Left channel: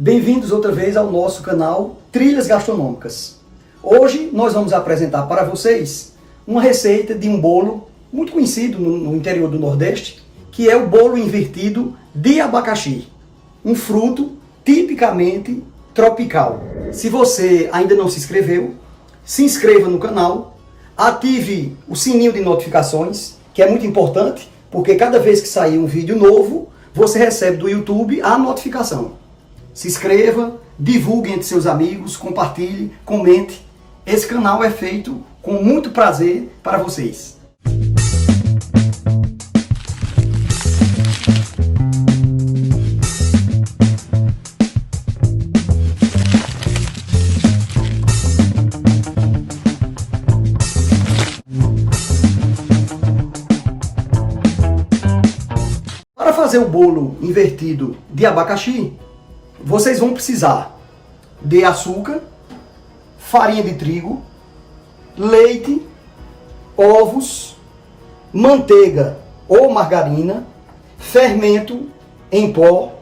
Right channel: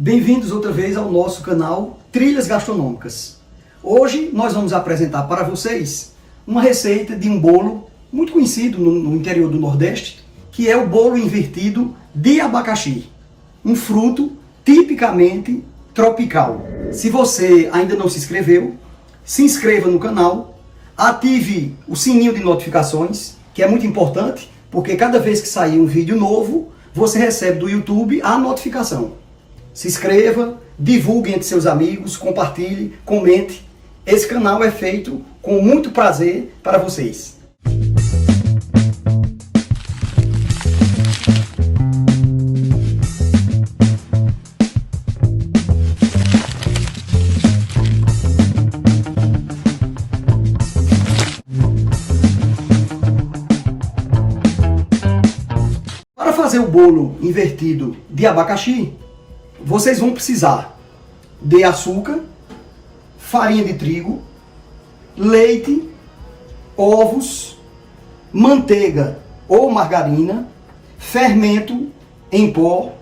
Bem-vindos outra vez ao nosso canal Trilhas Gastronômicas. Hoje nós vamos apresentar para vocês uma receita de um bolo muito conhecido no interior do Nordeste, que é o bolo invertido de abacaxi, um fruto tipicamente tropical. Se você ainda não se inscreveu, se inscreva no canal, ative o sininho de notificações, que é muito importante, porque cada vez que sair um vídeo novo, você recebe do YouTube a notificação. Se inscreva, divulgue entre seus amigos, compartilhe, comente. Esse canal é feito com muito prazer para vocês. Para fazer o bolo invertido de abacaxi, vocês vão precisar de açúcar, farinha de trigo, leite, ovos, manteiga ou margarina, fermento em pó,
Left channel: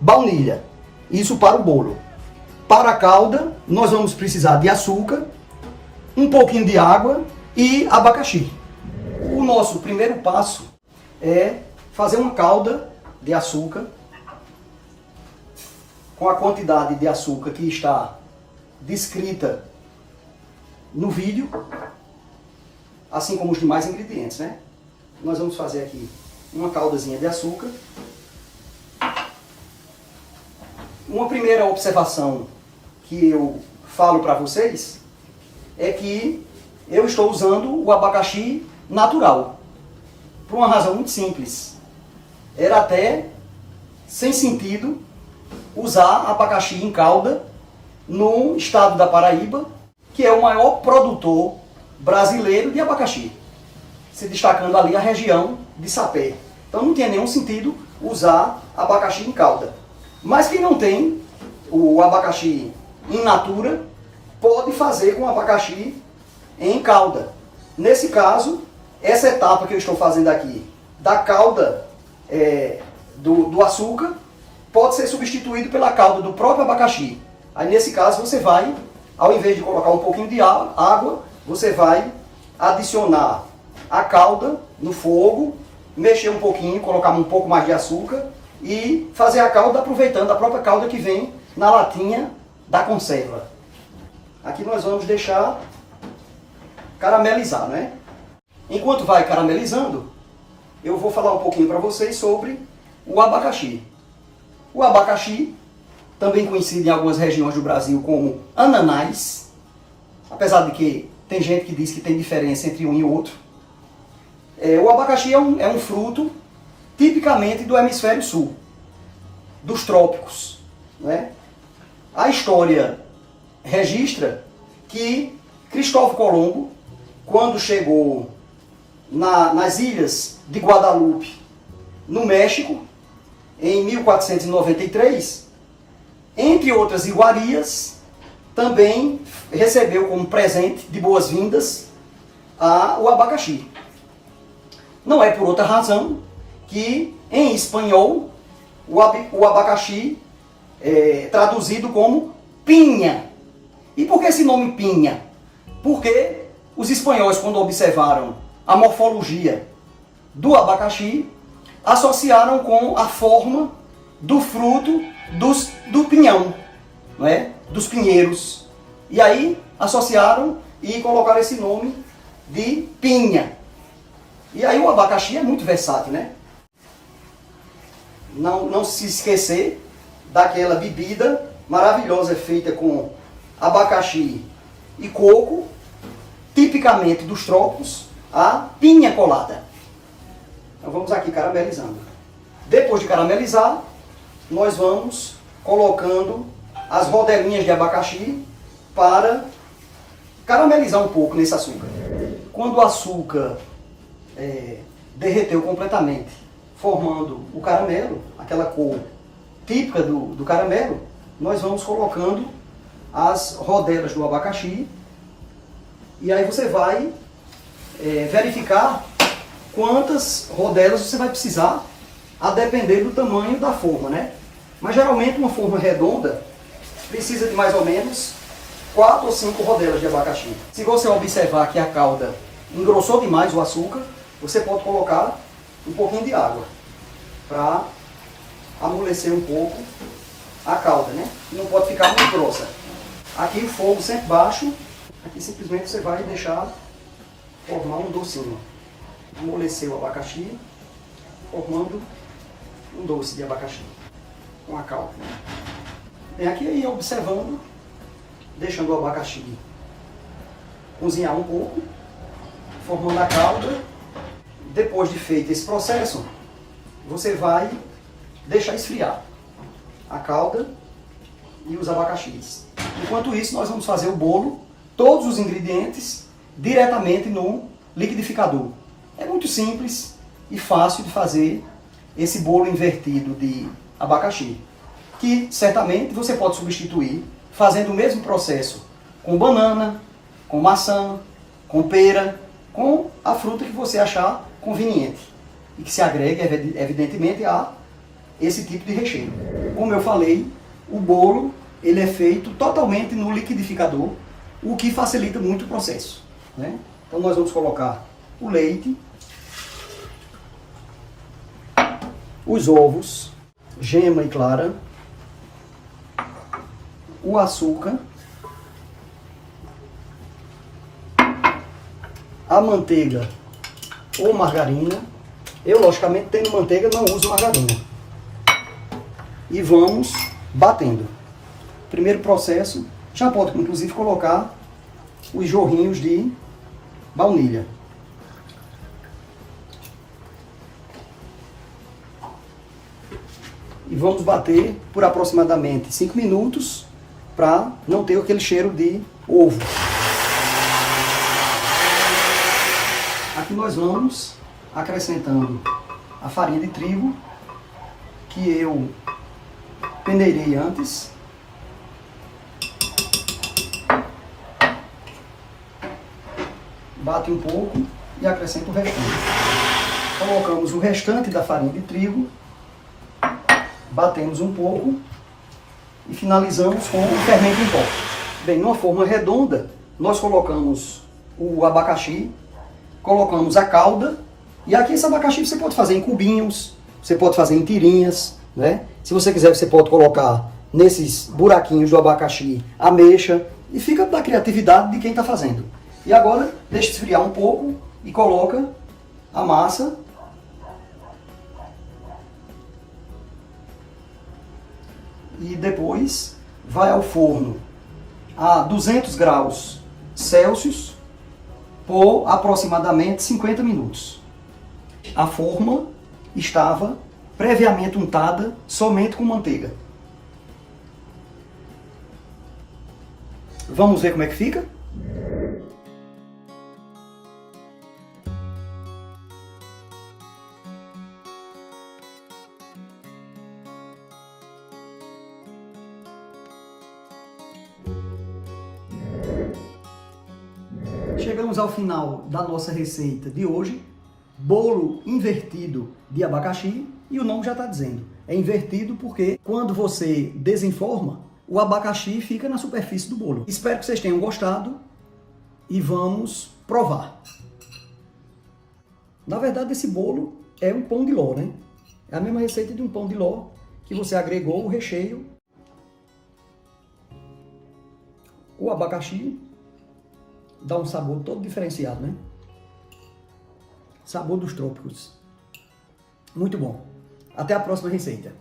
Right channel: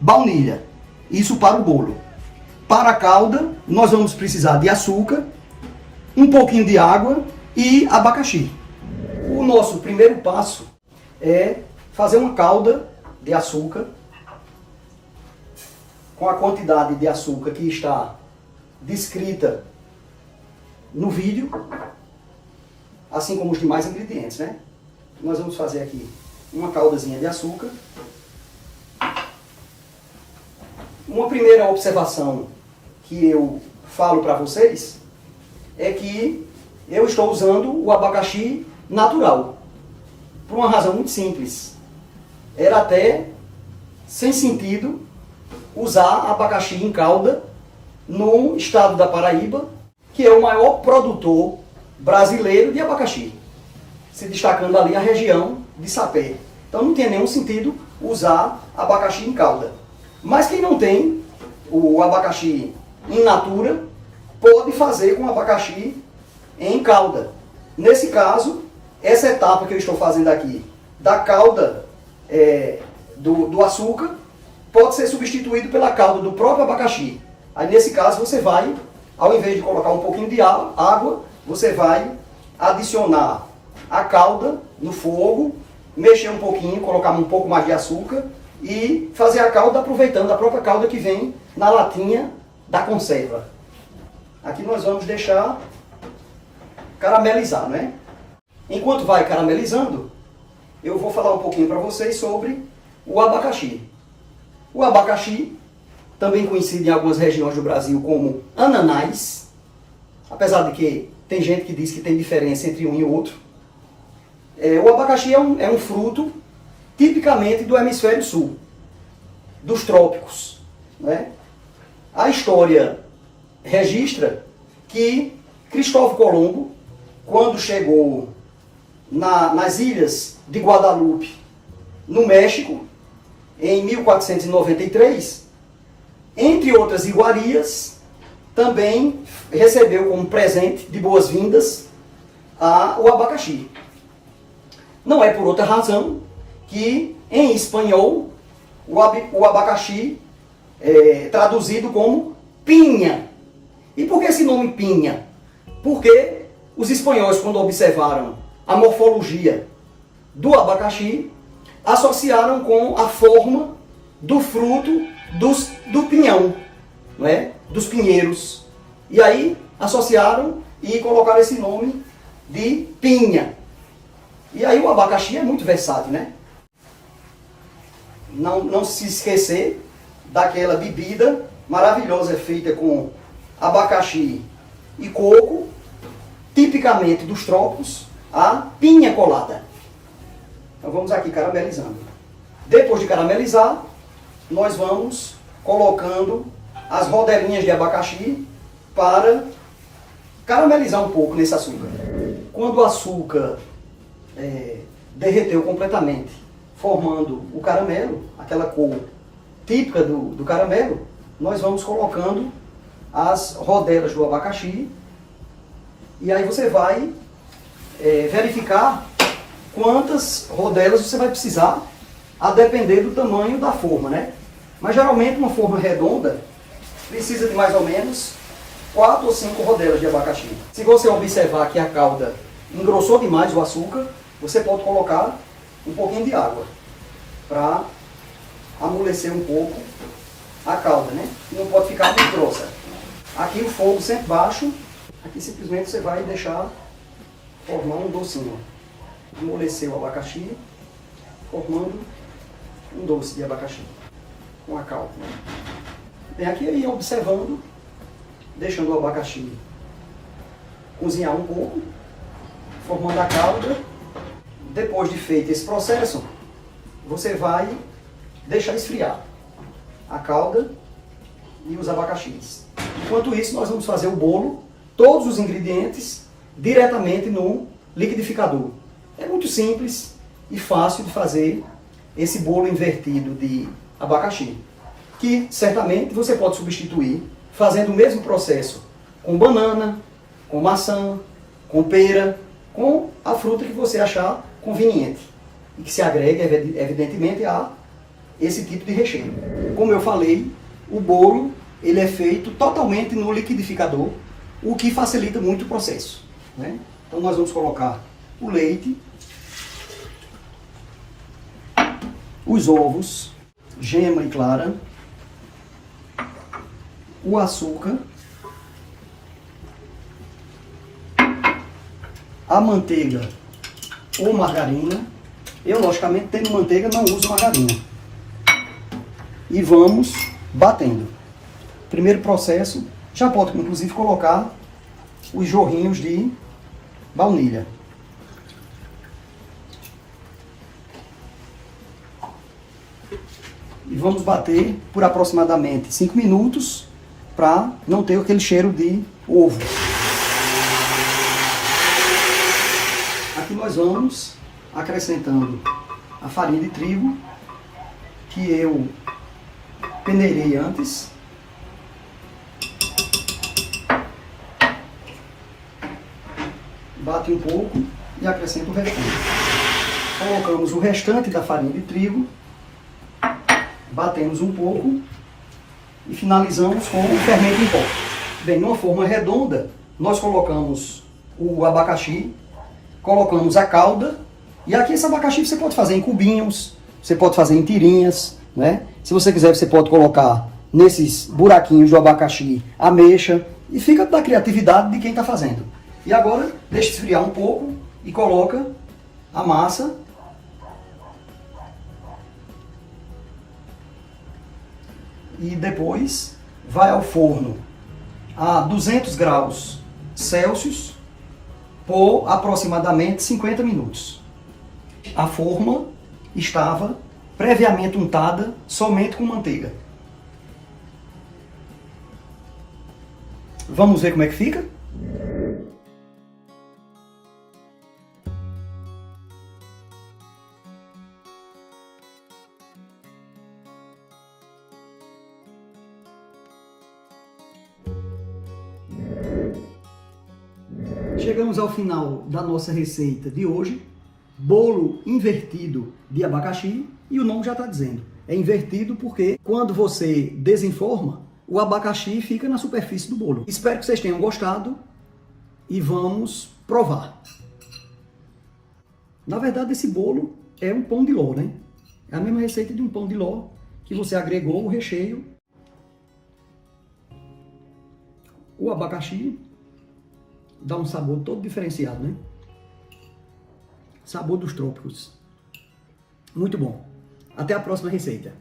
baunilha. Isso para o bolo. Para a calda, nós vamos precisar de açúcar, um pouquinho de água e abacaxi. O nosso primeiro passo é fazer uma calda de açúcar com a quantidade de açúcar que está descrita no vídeo, assim como os demais ingredientes, né? Nós vamos fazer aqui uma caldazinha de açúcar. Uma primeira observação que eu falo para vocês é que eu estou usando o abacaxi natural, por uma razão muito simples. Era até sem sentido usar abacaxi em calda no estado da Paraíba, que é o maior produtor brasileiro de abacaxi, se destacando ali a região de Sapé. Então não tem nenhum sentido usar abacaxi em calda. Mas quem não tem o abacaxi in natura, pode fazer com abacaxi em calda. Nesse caso, essa etapa que eu estou fazendo aqui, da calda do açúcar, pode ser substituído pela calda do próprio abacaxi. Aí nesse caso você vai, ao invés de colocar um pouquinho de água, você vai adicionar a calda no fogo, mexer um pouquinho, colocar um pouco mais de açúcar e fazer a calda aproveitando a própria calda que vem na latinha da conserva. Aqui nós vamos deixar caramelizar, né? Enquanto vai caramelizando, eu vou falar um pouquinho para vocês sobre o abacaxi. O abacaxi, também conhecido em algumas regiões do Brasil como ananás, apesar de que tem gente que diz que tem diferença entre um e outro. O abacaxi é um fruto tipicamente do hemisfério sul, dos trópicos, né? A história registra que Cristóvão Colombo, quando chegou nas ilhas de Guadalupe, no México, em 1493, entre outras iguarias, também recebeu como presente de boas-vindas o abacaxi. Não é por outra razão que, em espanhol, o abacaxi é traduzido como pinha. E por que esse nome pinha? Porque os espanhóis, quando observaram a morfologia do abacaxi, associaram com a forma do fruto do pinhão, não é? Dos pinheiros. E aí associaram e colocaram esse nome de pinha. E aí o abacaxi é muito versátil, né? Não se esquecer daquela bebida maravilhosa feita com abacaxi e coco, tipicamente dos trópicos, a pinha colada. Então vamos aqui caramelizando. Depois de caramelizar, nós vamos colocando as rodelinhas de abacaxi para caramelizar um pouco nesse açúcar. Quando o açúcar derreteu completamente, formando o caramelo, aquela cor típica do caramelo, nós vamos colocando as rodelas do abacaxi e aí você vai verificar quantas rodelas você vai precisar, a depender do tamanho da forma, né? Mas geralmente uma forma redonda precisa de mais ou menos 4 ou 5 rodelas de abacaxi. Se você observar que a calda engrossou demais o açúcar, você pode colocar um pouquinho de água para amolecer um pouco a calda, né? Não pode ficar muito grossa. Aqui o fogo sempre baixo, aqui simplesmente você vai deixar formar um docinho. Amolecer o abacaxi, formando um doce de abacaxi com a calda. Vem aqui aí observando, deixando o abacaxi cozinhar um pouco, formando a calda. Depois de feito esse processo, você vai deixar esfriar a calda e os abacaxis. Enquanto isso, nós vamos fazer o bolo, todos os ingredientes, diretamente no liquidificador. É muito simples e fácil de fazer esse bolo invertido de abacaxi, que certamente você pode substituir fazendo o mesmo processo com banana, com maçã, com pera, com a fruta que você achar conveniente e que se agregue, evidentemente, a esse tipo de recheio. Como eu falei, o bolo ele é feito totalmente no liquidificador, o que facilita muito o processo, né? Então nós vamos colocar o leite, os ovos, gema e clara, o açúcar, a manteiga ou margarina. Eu, logicamente, tendo manteiga, não uso margarina. E vamos batendo. Primeiro processo, já pode inclusive colocar os jorrinhos de baunilha. E vamos bater por aproximadamente 5 minutos para não ter aquele cheiro de ovo. Aqui nós vamos acrescentando a farinha de trigo que eu peneirei antes. Bate um pouco e acrescenta o restante. Colocamos o restante da farinha de trigo, batemos um pouco e finalizamos com o fermento em pó. Bem, numa forma redonda, nós colocamos o abacaxi, colocamos a calda, e aqui esse abacaxi você pode fazer em cubinhos, você pode fazer em tirinhas, né? Se você quiser, você pode colocar nesses buraquinhos do abacaxi ameixa, e fica da criatividade de quem está fazendo. E agora, deixa esfriar um pouco e coloca a massa. E depois vai ao forno a 200 graus Celsius por aproximadamente 50 minutos. A forma estava previamente untada somente com manteiga. Vamos ver como é que fica? Chegamos ao final da nossa receita de hoje, bolo invertido de abacaxi, e o nome já está dizendo, é invertido porque quando você desenforma, o abacaxi fica na superfície do bolo. Espero que vocês tenham gostado e vamos provar. Na verdade, esse bolo é um pão de ló, né? É a mesma receita de um pão de ló que você agregou o recheio, o abacaxi. Dá um sabor todo diferenciado, né? Sabor dos trópicos. Muito bom. Até a próxima receita.